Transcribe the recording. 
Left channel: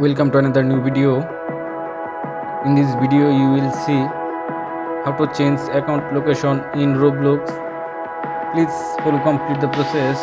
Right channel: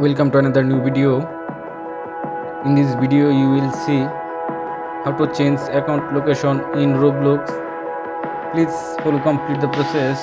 Welcome to another new video. In this video you will see how to change account location in Roblox. Please follow complete the process.